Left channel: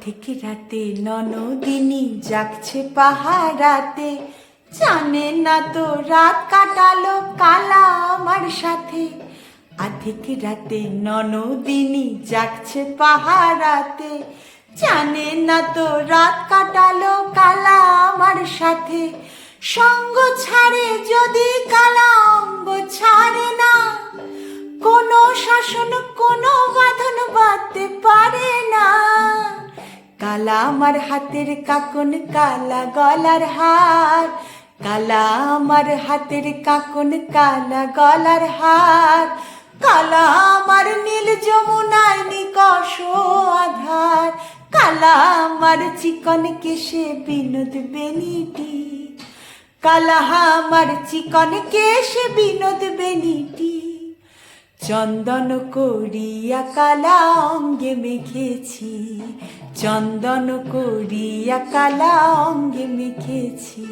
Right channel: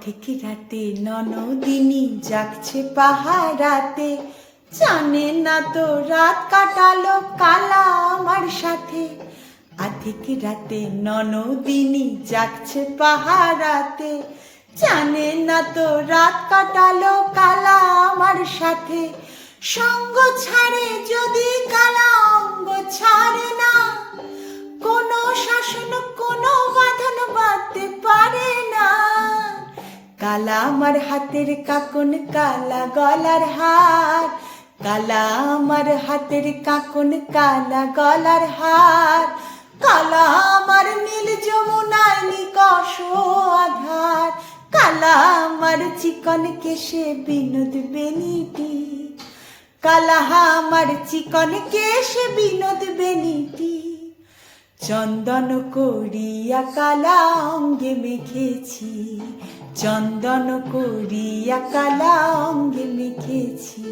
আধেক রাতে ননদিনী জাগছে পাহারাতে, জানে না তো রাত কাটালো কালা আমার সাথে। আধেক রাতে ননদিনী জাগছে পাহারাতে, জানে না তো রাত কাটালো কালা আমার সাথে। সঙ্গ ছাড়ে যদি কালা অঙ্গ ছাড়ে না, কোনো শাসন কোনো বাঁধন বাঁধতে পারে না। কালা আমার হাতের কাকন কালা গলার হার, কালা আমার হাতের কাকন কালা গলার হার। কালা আমার নীল যমুনায় নিকষ আধার, কালা আমার চিকন কেশে বিনোদ বেনিটি, কালা আমার চিকন কেশে বিনোদ বেনিটি। চন্দন করিয়া কালা অঙ্গে মেখেছি, চন্দন করিয়া কালা অঙ্গে মেখেছি।